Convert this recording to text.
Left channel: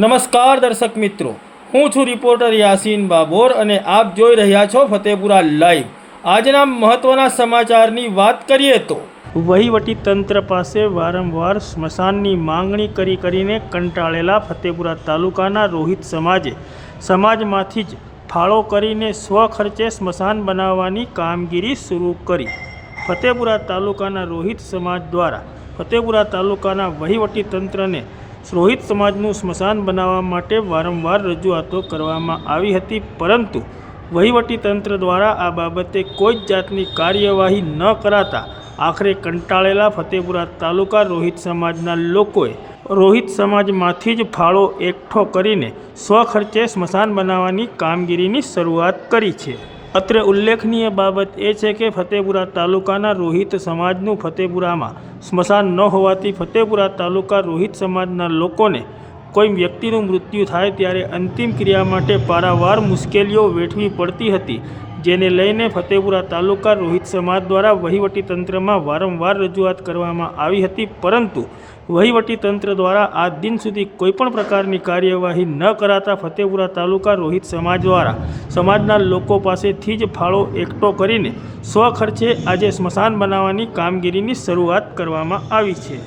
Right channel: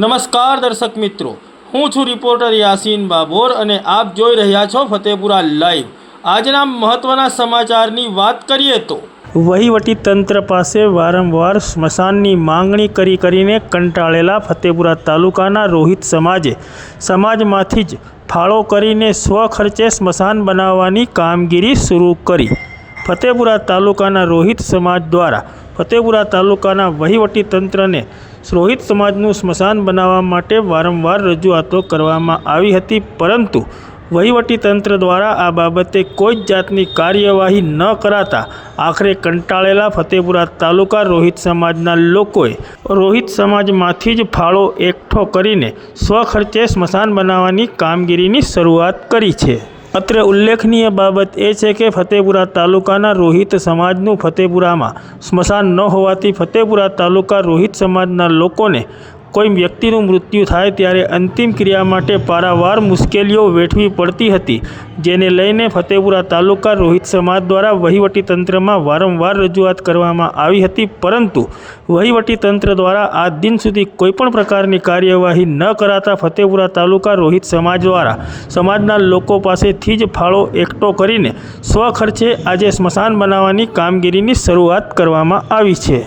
નમસ્કાર દર્શક મિત્રો. હું છું રિપોર્ટર યાસીન બાબોર અને આપ જોઈ રહ્યા છો ફતેપુરા લાઈવ. આજના મહત્વના સમાચારની વાત કરીએ તો વહીવટી તંત્ર પાસે વારંવાર સ્મશાનની માંગણી કરી કરીને કંટાળેલા ફતેપુરા તાલુકાના રોહિત સમાજે સમાજમાંથી જ ફાળો કરીને સ્વખર્ચે સ્મશાન બનાવવાની કામગીરી શરૂ કરી. ફતેપુરા તાલુકાના રોહિત સમાજ દ્વારા ફતેપુરા તાલુકાના વહીવટી તંત્રને રોહિત સમાજનું સ્મશાન બનાવવા માટે વારંવાર રજૂઆતો કરવામાં આવી હતી, પરંતુ વહીવટી તંત્ર દ્વારા આ બાબતે કોઈ જ જાતની કાર્યવાહી ન કરાતા આખરે કંટાળેલા ફતેપુરા તાલુકા રોહિત સમાજના લોકોએ રોહિત સમાજમાંથી જ ફાળો એકઠો કરીને સ્વખર્ચે સ્મશાન બનાવવાની કામગીરીની શરૂઆત કરી છે. અત્રે ઉલ્લેખનીય બાબત એ છે કે ફતેપુરા તાલુકાના રોહિત સમાજનું ફતેપુરામાં સ્મશાન ન હોવાથી ફતેપુરા તાલુકા રોહિત સમાજના લોકોને કોઈ વ્યક્તિનું મૃત્યુ થાય ત્યારે અંતિમ ક્રિયા માટે પારાવાર મુશ્કેલીઓ વેઠવી પડતી હતી, જેને લઈને ફતેપુરા તાલુકા રોહિત સમાજ દ્વારા વહીવટી તંત્રમાં વારંવાર રજૂઆત કરવામાં આવી હતી. પરંતુ વહીવટી તંત્ર દ્વારા આ દિન સુધી કોઈપણ પ્રકારની કાર્યવાહી ન કરાતા ફતેપુરા તાલુકા રોહિત સમાજ દ્વારા સમાજના લોકો પાસેથી જ ફાળો એકઠો કરીને સ્વખર્ચે આજે સ્મશાન બનાવવાની કામગીરીની શરૂઆત કરવામાં આવી છે.